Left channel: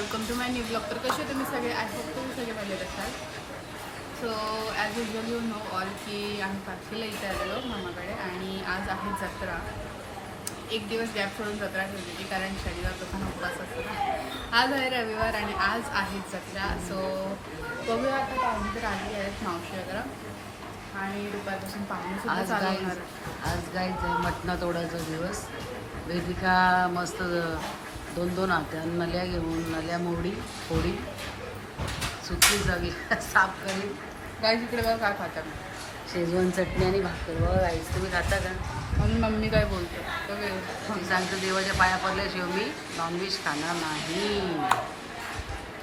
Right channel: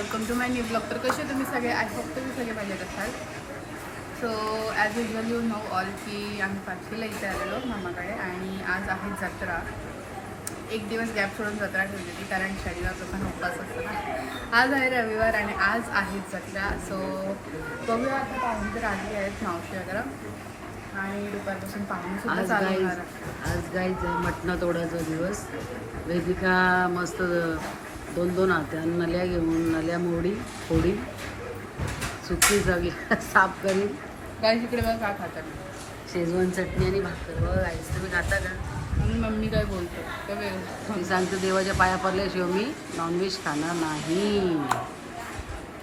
Welcome to my new blog. तर कसे तुम्ही सगळे, आय होप तुम्ही सगळे मजेत असाल. So as usual you know all की आम्ही पाचवीला इथे आलेलो मामाकडे आणि आज आहे जत्रा. एक दिवस गॅप सोडून जत्रा ठेवली होती कारण शनिवार लोकांना उपवास असतो ना. आज आहे रविवार आणि आज आहे जत्रा. सो बघूया आता पाहुणे तर आली आहेत मावशी वगैरे आणि दुपारपासून पाहुणेसुद्धा चालू होणार आहे. आज गाईच मटणं तोडायचा दिवस. वेदिका मस्त 2-2 आत्या नल्या घेऊन नल्या मोडी फोडी सुकी जागी साफ करीन. गाईस इकडे बघा काय खातात. शेजवान चटणी आणि भाकर. बघा गाईस तुम्ही खाता का? म्हणून मम्मी काय बोलतो तर मी सांगतो देवाच्या पाया पडल्याशिवाय मी नॉनव्हेज खाणार नाही.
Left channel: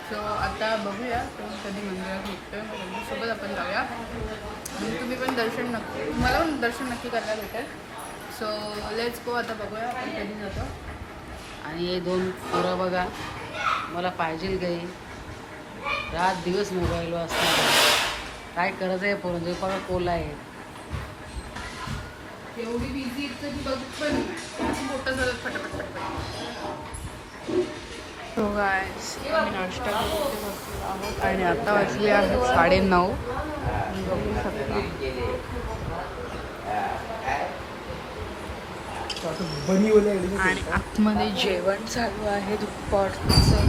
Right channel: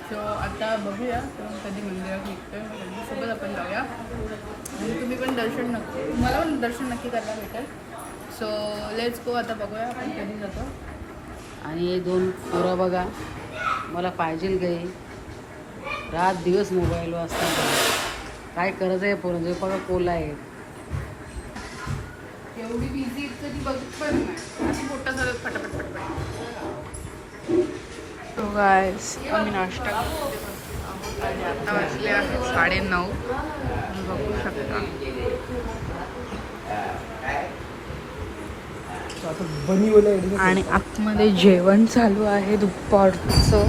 सो आता बघूया तो कधी मंदिरात निघतोय, त्यांच्यासोबत आपण जाऊया आणि तुम्ही पण दर्शन नक्की, मला पण दर्शन नक्की करायला भेटेल. So let's go. आता बघूया आपण कधी जातो. आणि हे 2 पोरं बघा मला पाहिजे गाई रात दिवस मोबाईलवर असतात. काय करायचं आहे पोरांचं बघा. कोला आहे एवढी बिझी इतकं ती बघत पण नाही, मोठं झालं फटाफट फटाफट. सो गाईस आम्ही नाश्ता करतो आणि आता वाजली आहे 9:30. तुम्ही बघू शकता आणि आतमध्ये जेवण चालू आहे दुपारचं.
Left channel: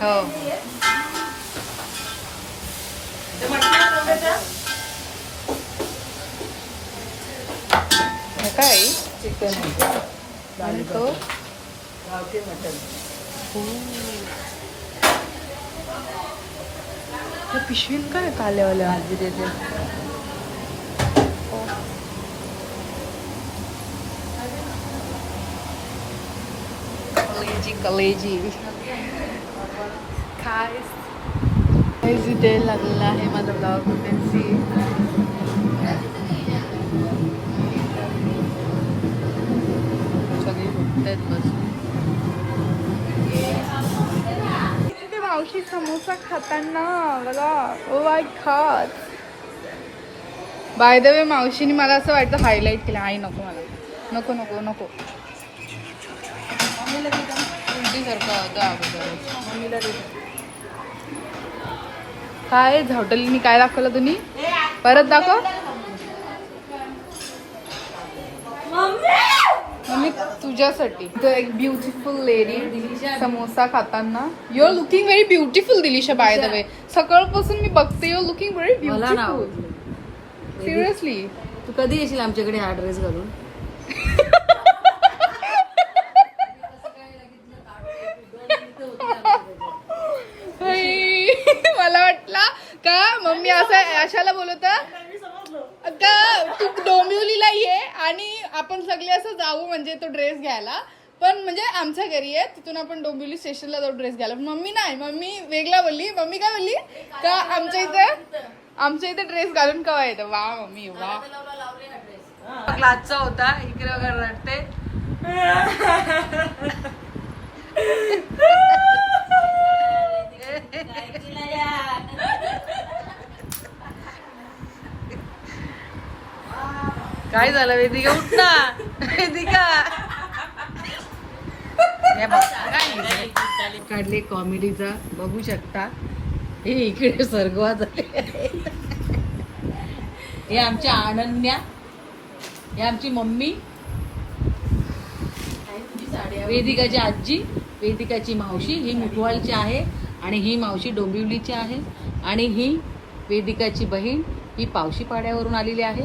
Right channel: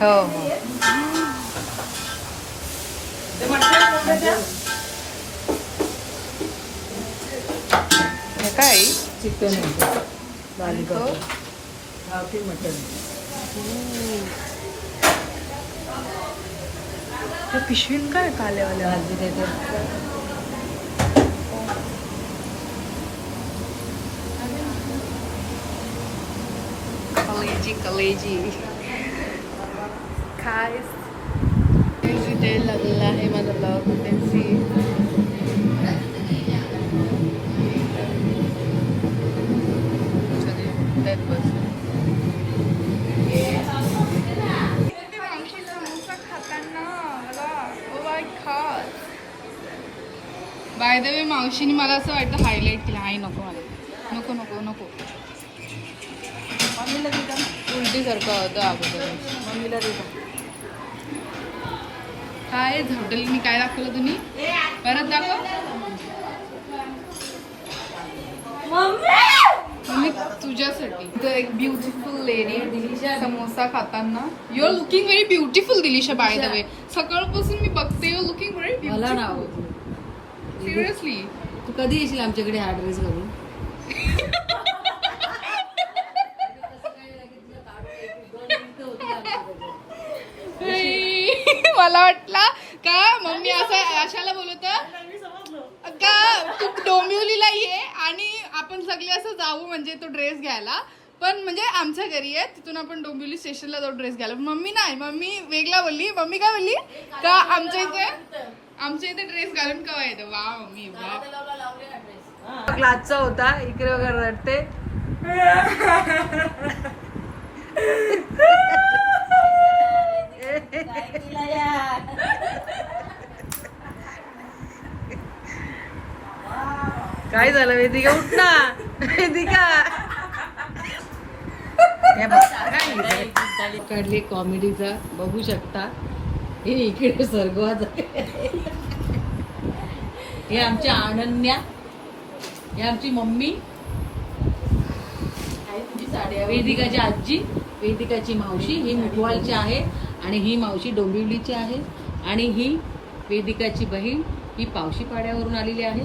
हो हो. हे काय चिकन तो गावठी मटन. त्या पिशवीत काय काल्यावाल्या भाजी देते. कलेजी काय इथे लागलेला आहे माझा ब्लॉग. मावशी समोसा खाताना बघा. Oh my God. Bye the वे मावशीने मला असं वाटतं हायलाईट केलं. आई नको मला, नको नको नको. उलटीसारखं होतं अगोदर. काय हॉटेलनी काय दाखवलं तुम्ही? परत दाखव. मम्मी तुझ्यासाठी एक ब्युटिफुल लेडी समोसा खाताना. You are looking very beautiful Dilisha. By the way सकाळपासून मी बघते. यू आर लुकिंग व्हेरी मला ना ब्युटिफुल. सिरियसली तू कधी येशील आमच्याकडे हा ड्रेस घालून? मला वाटला का मम्मी असं अशाला बोलत का तू डोंबिवलीला ये आणि आपण सगळे असं जाऊ म्हणजे तो ड्रेस घ्यायला. पण म्हणजे आमच्या घरी आहे तिथून आपण डोंबिवली स्टेशनला जाऊ ड्रेस घ्यायला. मम्मी नाही, मम्मी वेगळा बोलली. मम्मी काय बोलली का आमच्या इथे ड्रेस घालून कवा येतं. वा मम्मी वा. क्लासचा होता इकडे वगैरे रडते. काय झालं वेदिका? उठ ना वेदिका. काढली कॉमेडीचा बघू शकता. हे इकडे सर्गवा झाले. हे आमच्या अनन्या, हे आमची मम्मी, वेदिकाची आजी, वेदिकाची मावशी. ही मुठवालची आहे आणि ही मावशी डोंबिवलीची आहे. आणि ही वेदिकाची बहीण, ही पावशी पाड्यावरून आलेली आहे,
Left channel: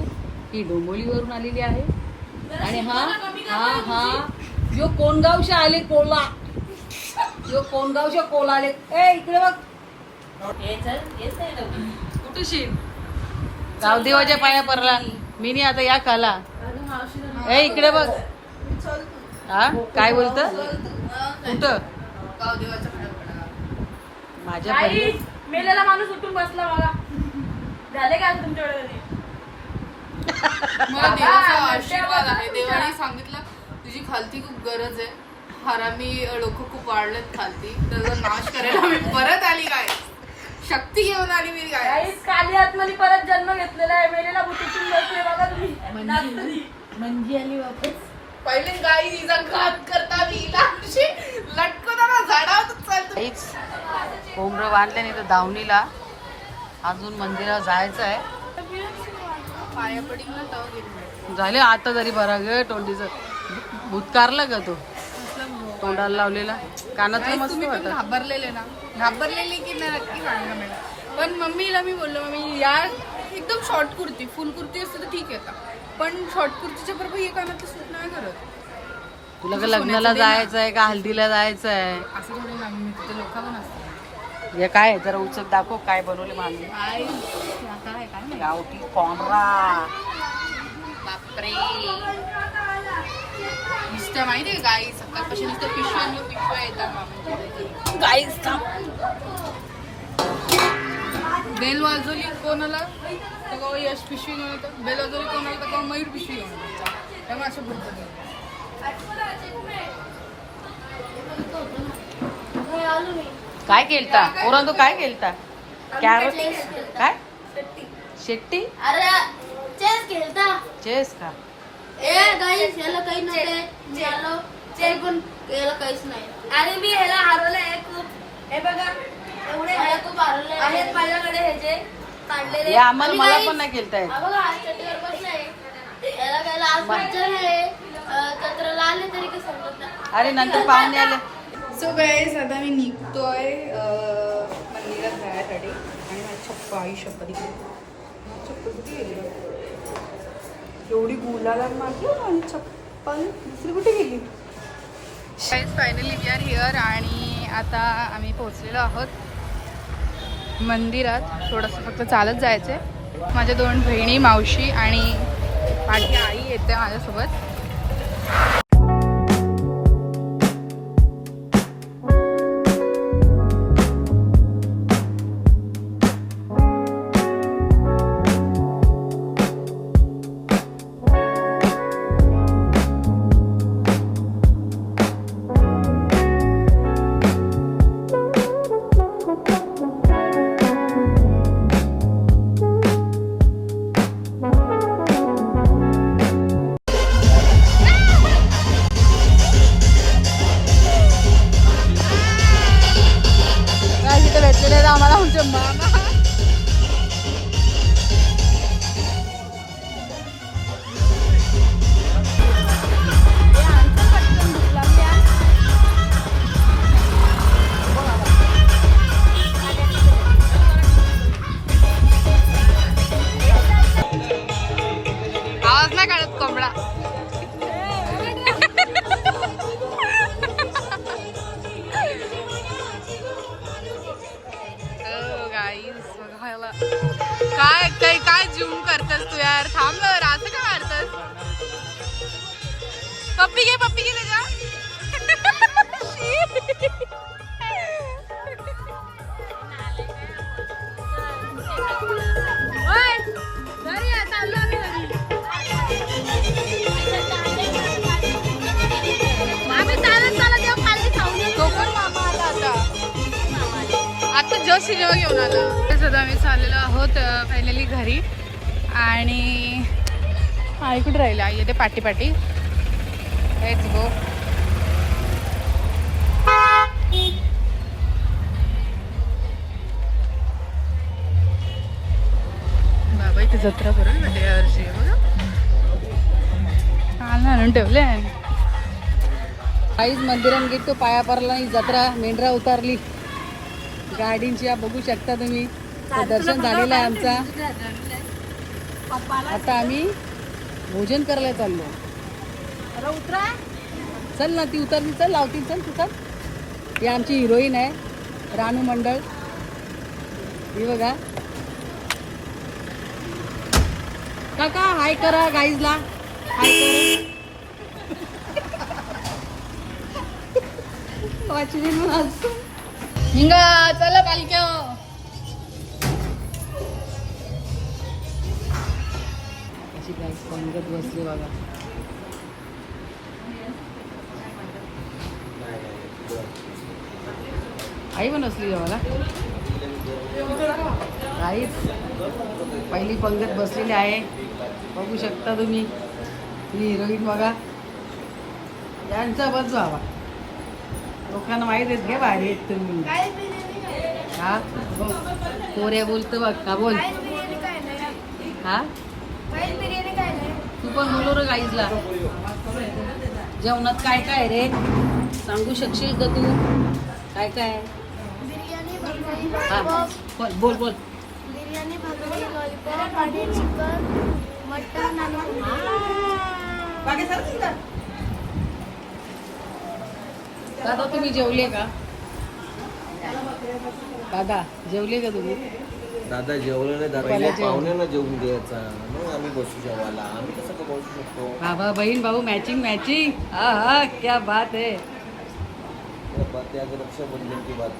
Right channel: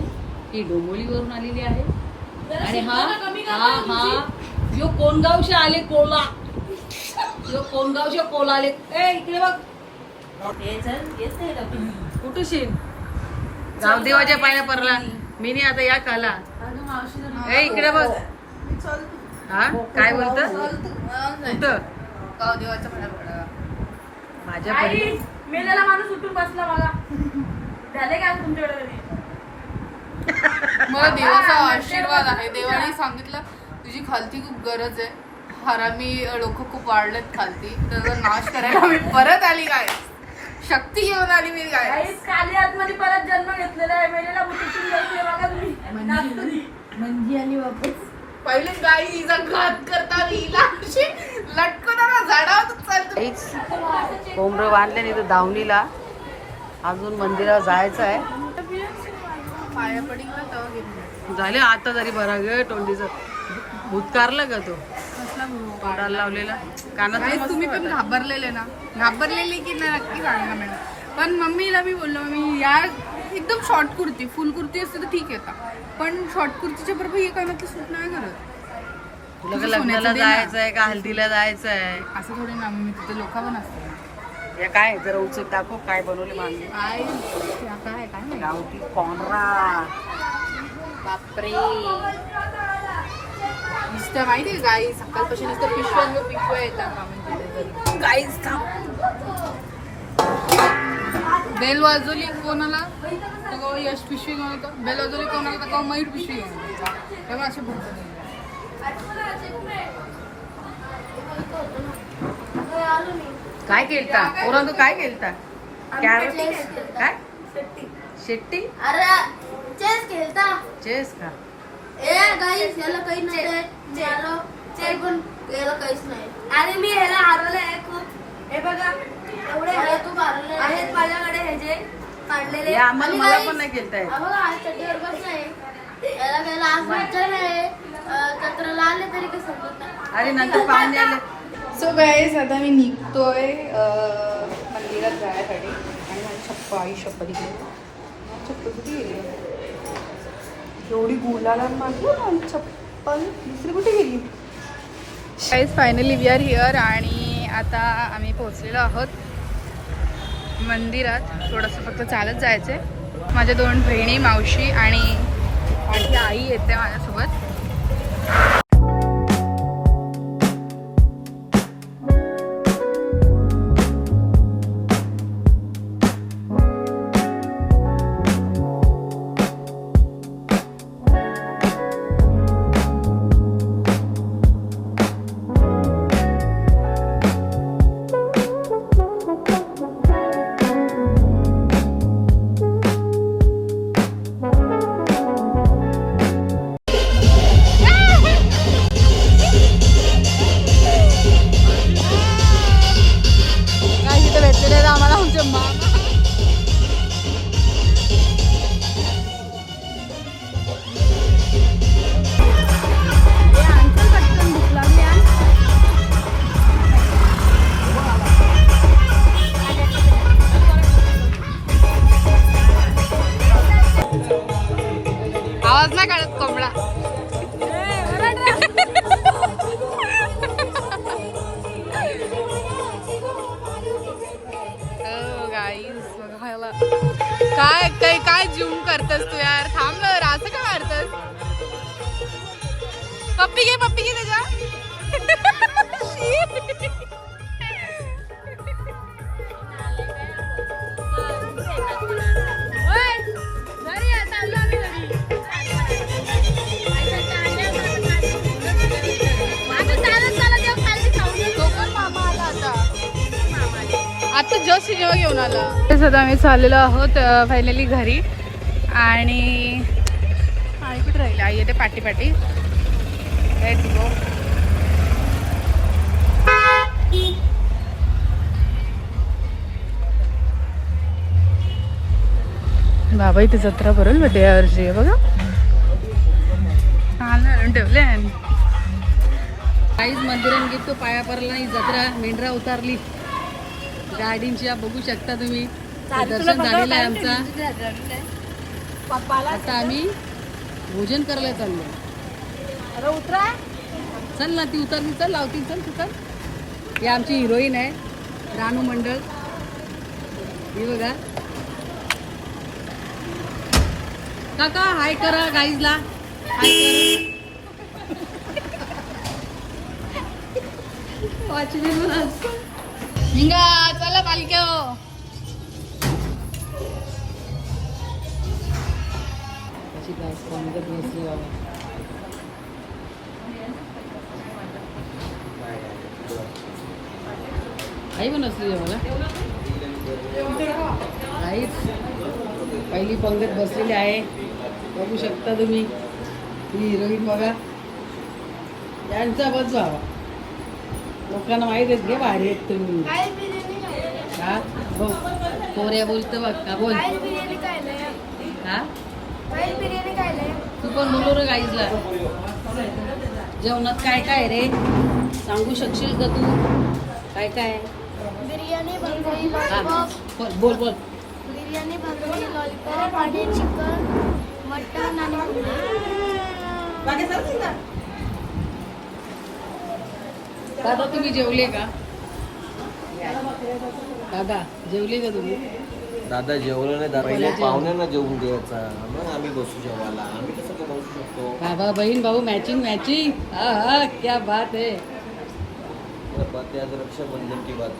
ही डोंबिवलीवरून आलेली आहे. आणि हा यो कोणगावशा आले कोला. यो कोणगावशा कोला आले. ए इकडे बघ. कुठूशी गावदेवाच्या पाया पडला मी नाही आता या खाला. ए इकडे बघ. हा काय बोलत कुठं? गावदेवाच्या पाया पडला. माझ्या परी मेलेला माणूस उठून बसला बघा. झाले का तुमच्याकडे? मला देवाचा आशीर्वाद आहे. देवाने सांगितलं तुझी खालती खूप गरज आहे. हरामी लोक खूप वाढलेत खालती, तर नाश करायला मी परत आली. काय शक्ती घेऊन आली मी. काय काली आतमध्ये परत जन्म घेतलेला आहे. मेलेला म्हणजे आली वापस. पहिले गाई हिचा घात करता लटकवताना झाडावरच चालतो. काहीच कोंबडं बांधले नाही तर दावणीला अजून मंदिरात जायचं आहे. पाया पडील ना तेव्हा गेली. झाले आता तरी बरा ग तोंडीचं भूतकारलं का तो कसला भाऊ? तोंडाला लावलेला कानात Guys, तुम्ही पण घाबरलेले ना? घाबरलेले की नाही नक्की सांगा मॅडम. पण मम्मीला मी बोललो मम्मी या एकदम शॉर्ट कुर्ती, फुल कुर्ती असते तर ठीक आहे. पण शॉर्ट कुर्तीच्या बरोबर हे कानातलं सूट नाही करत. तुला का लग्नाला जायचं आहे का हल्दीला जायचं आहे? असं थोडी ना मम्मी, तिथे लोक पण असतात. हे काय आहे? जरा उचल दाखव काय बनवले मामी. काय काय काय गावठी कॉर्नरा. बापरे, नुसतं माहिती आहे गाई सकाळपासून नुसतं पिशव्या येतात. गाईस बेल वाजवली कोणाला तर का यश पिशवी घेऊन होतं, बेल वाजवली कोणाला तर का मयूर पिशवी घेऊन होतं. त्यामुळे असे भरपूर काय केलता पोरांनो काय केलता? कॅरट काय शेट्टी अरे चेस खेळता. चेस का? ए गाईस याला काही नाही पण याला काहीच नाही. आणि मी ह्याला हरवलंय खूप. हे बघा एवढे खूप हरवले आहेत माझ्याकडे हे जे काढलेले. हे आम्हाला मला पण नाही केलता येत. बघा आज चड्डीवर बसलाय. याला घ्यायला आज मज्जा नाही. जत्राला आले तरी काही समजत नाही. अरे नंतर पाहुणे आले. सो गाईस आता मी निघतोय मंदिरात जाण्यासाठी. आणि माझी छप्पा आई शपथ गेली. चप्पल कुठे गेली? एवढी गुलाला मागली माझी चप्पल दुसरी कुठे गेली? गाईस फायनली वी आर हिअर. आणि आता आम्ही पोहोचलेलो आहोत मंदिरात. थोडंसं फक्त चालत जायचंय. माझ्या 2 बहिणी, मावशी आणि माझी आई येते माझ्यासोबत. आम्हाला आमच्या मामा आवाज नाही काढत कोंबडा. काय काय काय जूम करतस तू यार? थांब ना, असं काय मारतस? पप्पी घे त्याच्या. कोकण मामा आला आता जस्ट सिनेमा घेऊन आला. आता आम्ही चाललेलो आहोत फायनली घरी. आणि आई कुठे राहिली? आई येते पाठी पाठी. Let's go. बाबा इथे जत्रा भरेल बड्डे यावर्षी आहे बघा. काल आणून ठेवले. काहीच मंदिरात गेलो पाया पडला नाही. जत्रा मेंढरा उतारली गाडींची. बघू शकता तुम्ही. दर्शन झालेलं आहे आमचा. आता आम्ही भोजन करायला चाललो. अरे उतरा. चल ना ती उतरली. चल लावती. चल तू चल. ही आमची हिरोईन आहे रानू मंडळ. ही बघा. काका हाय करा गाईजला. हाय कर. हिंगा चला पालक्या. कशी काय पंगत बसले बाबा. आई पण असली जेवायला. काहीच पहिली पंगत बसलेली आहे. बघू शकता तुम्ही. ही हिरोईन बघा. यांचा बस बाबा. लोकांना माहीत आहेत घे भारी आहेत तुम्ही. गाईस बिर्याणी खायला. हा हो कोऱ्या बोलतं बघ का बोल. गाईस बिर्याणी खायला. हा गाईस बिर्याणी खायला. तू पण बोलो रे गाईजला. जेवणात काय काय रे सांगू शकशील का तू काय काय. बिर्याणी भाकरी हा लॉलीपॉप. बोल बोल. बिर्याणी भाकरी लॉलीपॉप आणि चिकन मटन आणि दादा तुम्ही जेवले का. दादा जेवले का तुम्ही. दादा जेवलं नाही दादा पहिले पाहुण्यांना जेवून द्यायचा मग आम्ही बसू जेवायला. आम्ही कसं काय बसू शकतो. बाबा बहीण भाऊ मॅचिंग मॅचिंग. हा हा क्या बात है. ते आज रक्षाबंधनची बात.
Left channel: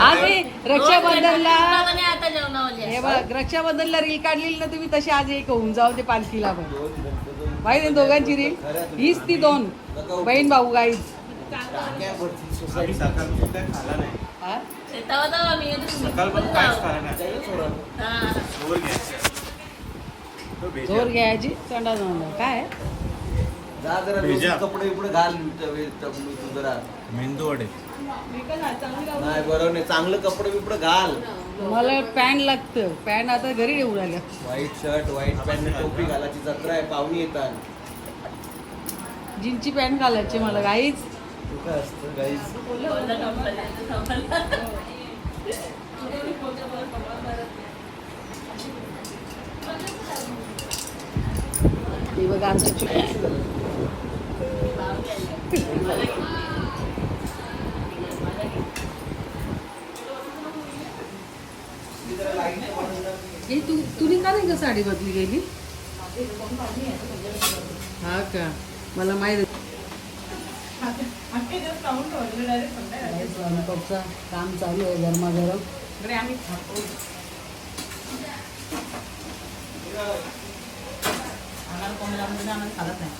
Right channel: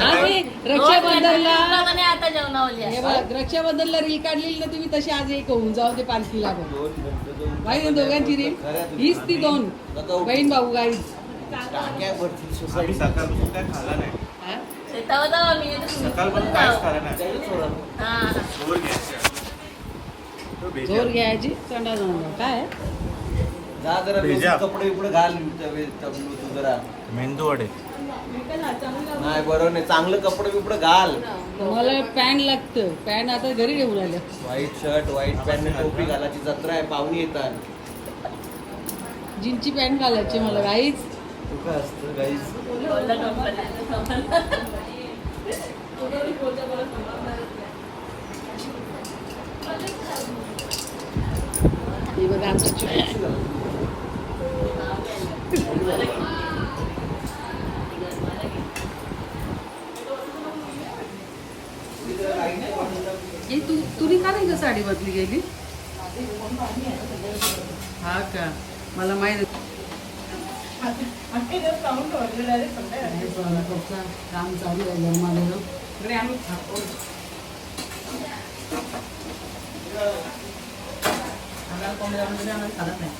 आज हे रक्षाबंधनला आता जेवणावली हे बघ रक्षाबंधनला रील काढलेली ना तुम्ही तशी आज एक होऊन जाऊ ते पालखीला बघ. माहिती आहे दोघांची रील हीच ती दोन बहीण भाऊ गाईज. सोसायटी सकाळपासून काय खाला नाही. हा? सकाळपासून काहीच खाला नाही. जोर घ्यायची तंडा जाऊन काय जा जरा भेजा. व्यवस्थित कपडे इकडे घाल तबलू तू जरा. मेंदू वडे नाही बरोबर नाही चांगलं कपडे बिपडे घाल. मला पॅन्ट लागतं पॅन्ट आता घरी येऊन आलं. व्हाईट शर्ट व्हाईट पॅन्ट टोपी घालायची जत्रा आहे पाहुणी येतात. जीनची पॅन्ट घालायची मला गाईच. तू काय असतं गाईज. हे बघा आमचं तुनी का नाही का साडी बदली गेली. हा का मला माहित काम चालू आहे गरमागरम. इकडे आम्ही खातो.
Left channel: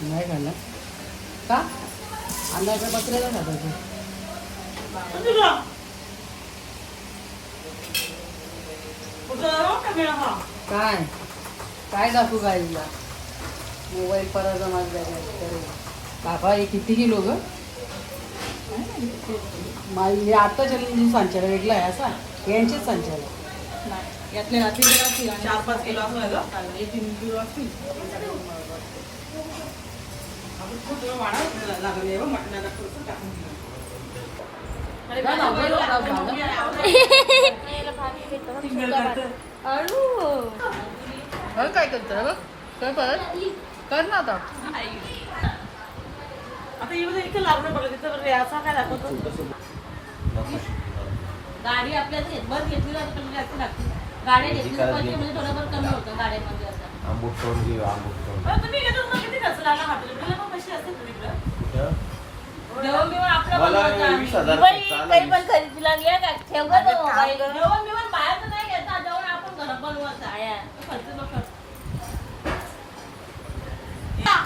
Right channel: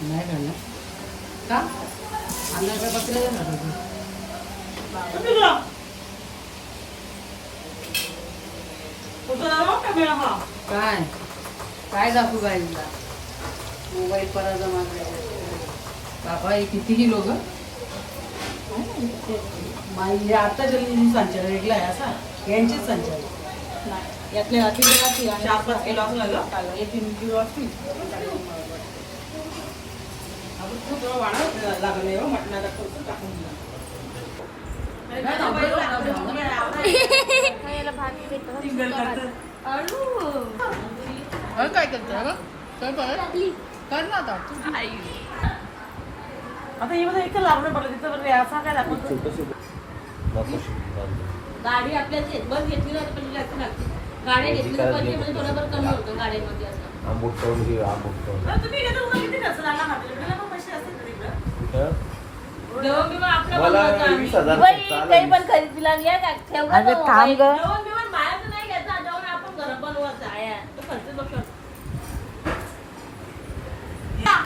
नाही खाल्ला का अंगाकडे बसलेला खातो. काय काय दाखवू गाईला मोबाईल पराचा मारला. बाबा हे किती किलो ग. माझी आता जन्म संचार वेगळा आहे असा यांचीच संचार यातल्या रात्री 4-5 किलो असला ग. 1-3 किलो असतील. लागले मटणाला खर्च टाकून दिला. काय करतो कर ना आता. आता इथं लावणं पडलं तिथं असा काय दाखवतो. गाडी आपल्याला बस घेतली ना पण जास्त लागते. गाड्या घेतली पाहिजे म्हणजे थोडंफार कमी होतं गाड्यांमध्ये असं. आंबूट तोंड घे आंबूट तोंड. तुम्ही घेतो मग किती खर्च लागला आपल्याला पण पैसे असतील तिकडं. मला जेवण 20,000 खर्च आला. पण खरेदीला घ्या का ठेवलं जेवण बिवण बाहेर नाही घ्यायचं जेवण आपण घरात बनवायचं आहे तो खर्च बघ.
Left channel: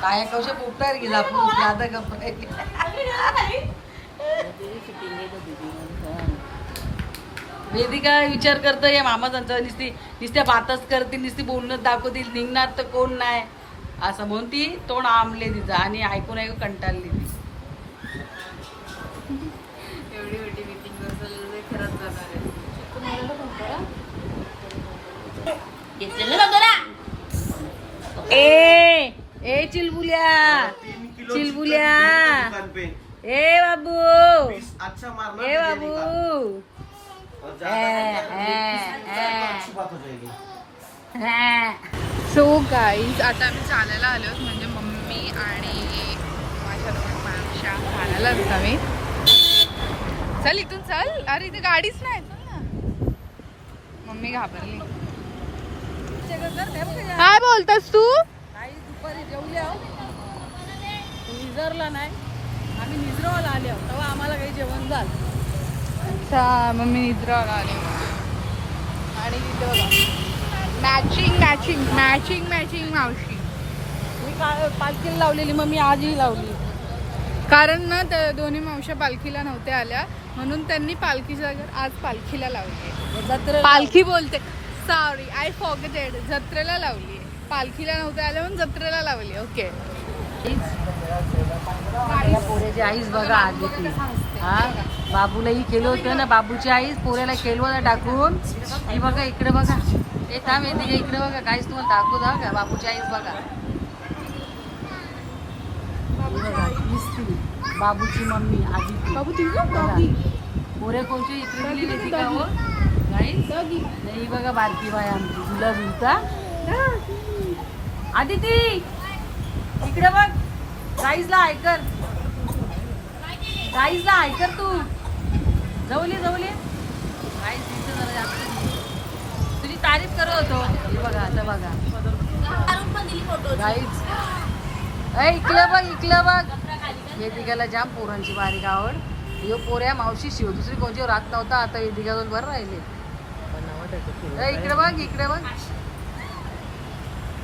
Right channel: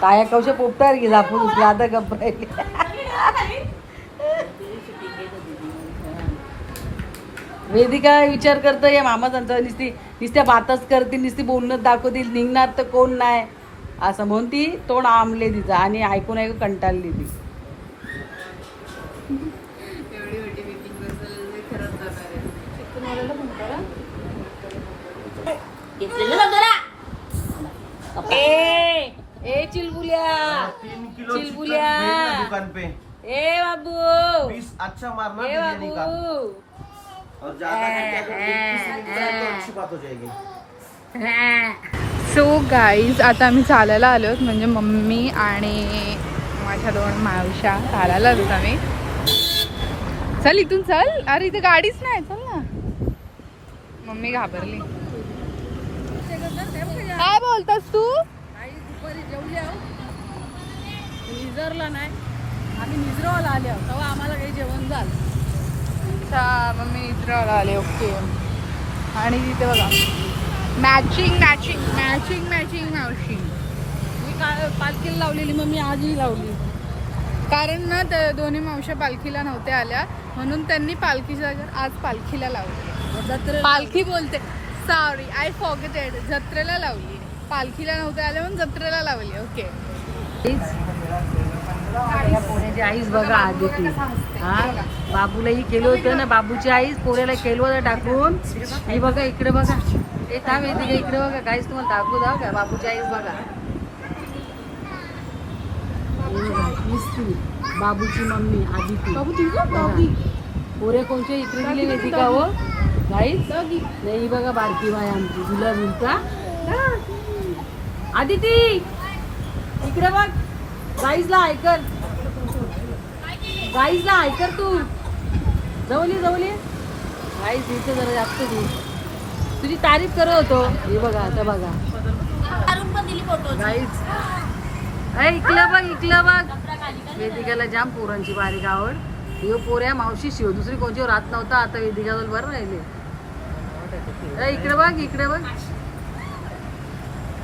काय कौशे पोपटार गेला आपण ज्यादा गप्प वेदिका विचार करतं या मामाजांचा नुसत्या बातच करतील नुसती बोलणं दाखवतील निघणार तर कोण नाही असं म्हणून ती तोंड आंबले तिचा आणि ऐकून ऐकून कंटाळली ती. एवढी मोठी मीटिंग खरंच जाणार आहे. घेतलेलं ना जरा ए चिलबुल्या चिलबुल्या दुकान पे ए बाबू 20 अच्छा मारना ए बिरयानी का. बाबू और ज्यादा अच्छी बात हो जाएगी. सो गाईज आता आम्ही चालायला आलो आहोत म्हणजे मम्मी आणि माझ्या 2 मावश्या चालायला आलोत आम्ही. चल इथून चल. अरे इथे गाडीच नाही चल ना. मम्मी घाबरली. काय बोलतस तू. काही दुपारी जेवले आहोत निजरला नाही आम्ही निजरावाला आले आहोत तेव्हा आम्हाला काही जेवण झालं. अच्छा मम्मी निद्राला आले. ओके. आणि इथे बघा मॅचिंग मॅचिंग मॅचिंग मॅचिंग मावशी. मी पालखीला लावलेली मग मी आजही लावली. कारण ना त्या दोन्ही मावश्या पालखीला नव्हत्या आल्या म्हणून त्यांनी पालखीच्या जागेवर आज पालखीला लावली. जत्रे पालखी बोलते सॉरी आय फॉरगेटेड. जत्रेला लावली. पालखीला नव्हत्या आल्या म्हणून जत्रेला लावली. ओके. या पोऱ्याची आईच बघा आदिती. हा बाबूलाही केलं होतं ना, बाबूची आईच पोऱ्याला केलं होतं टाकून. ही बघा इकडे बघा, हे थांब येते का इकडे बघा, काहीच तुम्हाला दाखवू द्या का. बाबूची आईच बघा, ही बघा हीच ती बाबूची मम्मी आदिती. पोऱ्या कोणच्या इकडे गेली वेदिका हो गाईस. नाही ही बघा बारकी बाय आमची झुला झुलता आदिती. इकडे बघ, गाईजला ऐकर, गाईजला ऐकर तू. जवली गाईज इथे जरा जास्त तुझी तारीफ करत होतो. हे बघा आता बघा गाईज. इकलं बघ वेदिकाला जाम पोरांची बारीक आवड. यो पोऱ्या मावशी शिव दुसरी कोणची राहत नव्हता, आता वेदिकाजवळ बरं राहिले. इकडे बघ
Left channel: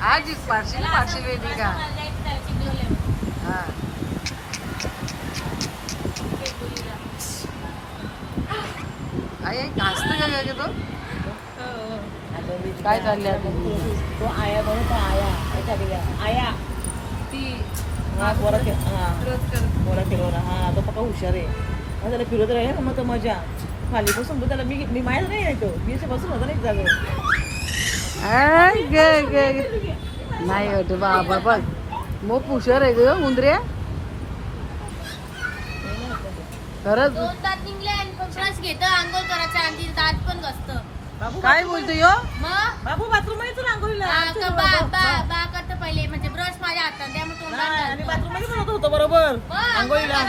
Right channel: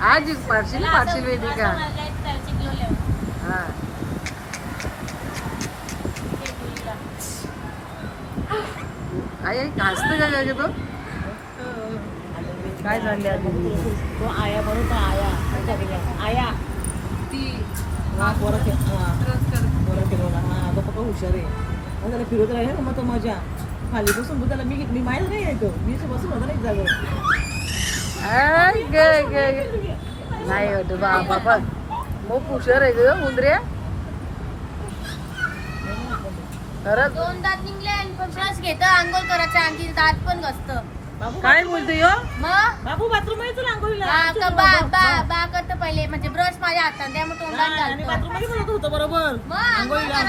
आज पारशील वेदिका. हा आई हसतं का ग तो. काय चालले आया ती पोरा फिरवला. हा तो पक्का हुशार आहे. त्याला फिरवत राहिला ना मग तो मजा खाली बसून त्याला मी माहीत नाही येतो. मी बसून होता नाही जागेवर. नाही होतो बाबा मग हुशार आहे ग मुंद्र्या खरंच. घेतं आंघोळ करायचं आणि दात पण घसत. काय बोलतो यो. मग बाबू बाथरूम येतो बा करतं पहिले म्हणजे ब्रश माझ्या हातात त्यामुळे तोंडात घालतो. होतं बरोबर आंघोळीला.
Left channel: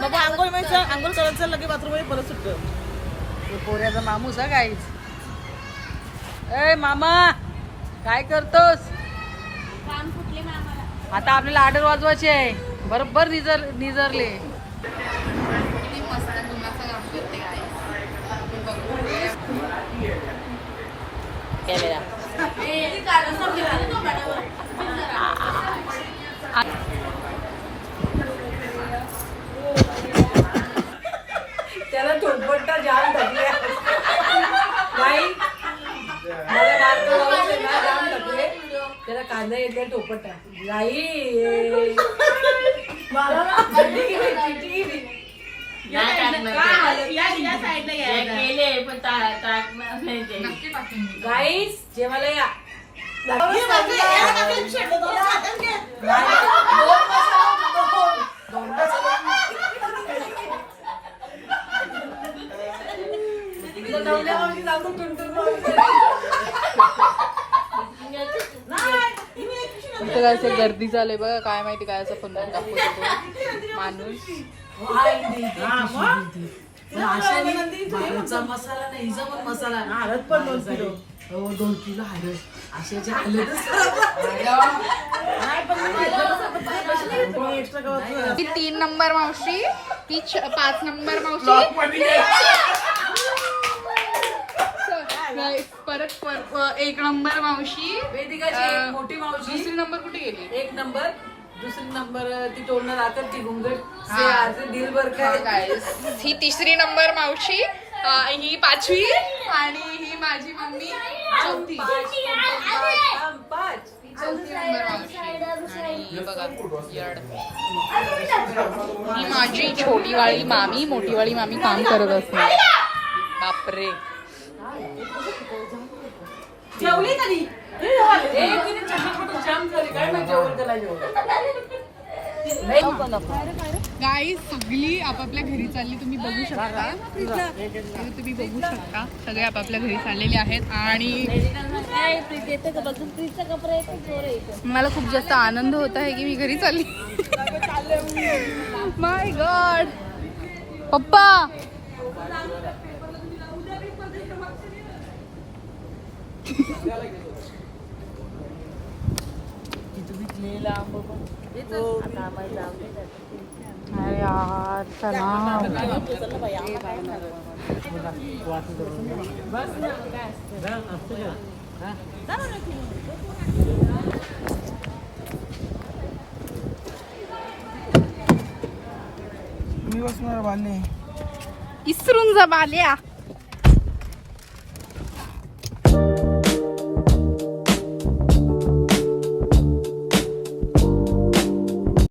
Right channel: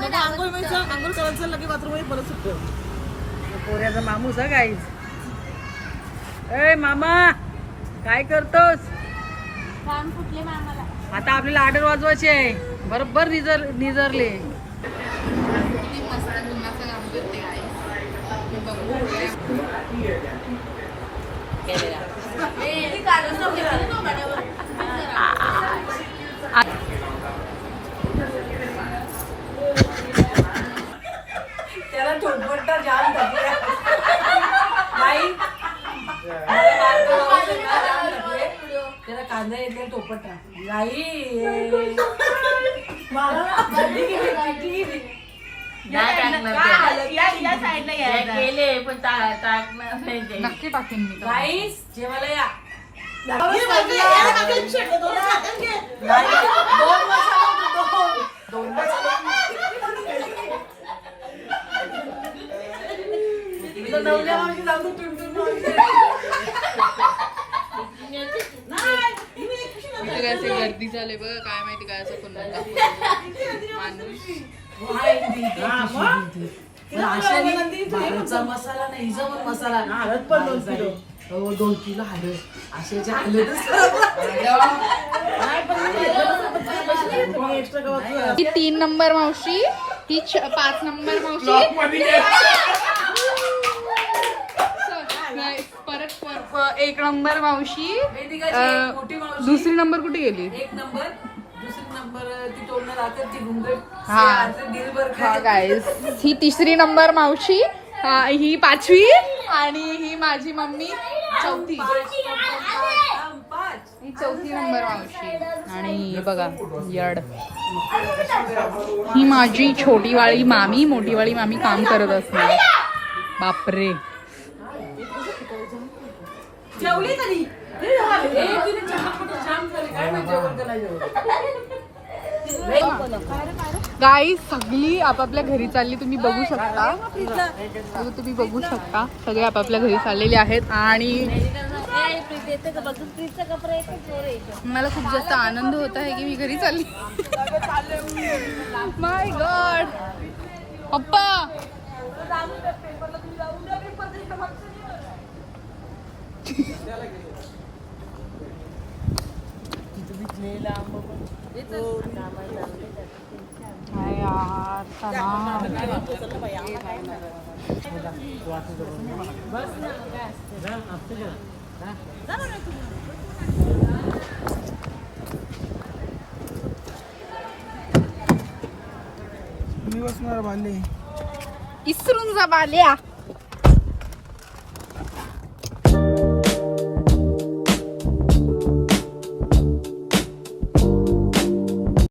बाबा आंघोळ व्हायचं, आंघोळ करायचं लगे बाथरूम मध्ये परत सुटतं. पोऱ्याचा मामूस हा गाईच. ए मामा काय करतोस. काम फुटले मामाला. आता आपल्याला ऑर्डर वाजवायची आहे. बरोबर निजरले. किती मस्त गुन्हाचा काम करते गाईस. त्याला थोडपट्टा जाम टाकले नाही. मला जाम टाकले त्याला कांदा येते टोपट नाही. मला नक्की टाकेन मी. गाईस जेवायला या. इथं काय असं गर्दी चालू बघा. काय माहिती काय असं पण माणूस. मसाला नाही हिचा पण मसाला. हळद पण 2 किलो हळद अशाच्या ही 3 नंबर मावशी, ही 5 नंबर मावशी. परत 1 नंबर मावशी. मोठी मावशी. दुसरी नंबर कुठे गेली. 1 नंबर. दुसरी नंबर ती तोडणं राहतात ती घुंगट हा. दिल बर ही 3री नंबर मावशी. ही 5वी आणि ही माझी मम्मी 4थी. ही 4थी नंबर मावशी. आणि बघा यड ही माझी छोटीवाली मामी. मोठीवाली मामी काम करत असते. बापरे. जेवली कधी जाम झाली काय माहिती जेवण त्याला गाईस सगळी आपापल्या घरी चालली. तुम्ही बघू शकता. तुम्ही बघू शकता सगळे आपापल्या घरी चाललेले आहेत. आणि मला खूप जास्त आनंद होत आहे की मी घरी चालली. माय गॉड पप्पा. मी बसणार बाले. इसरून जा बाल्या.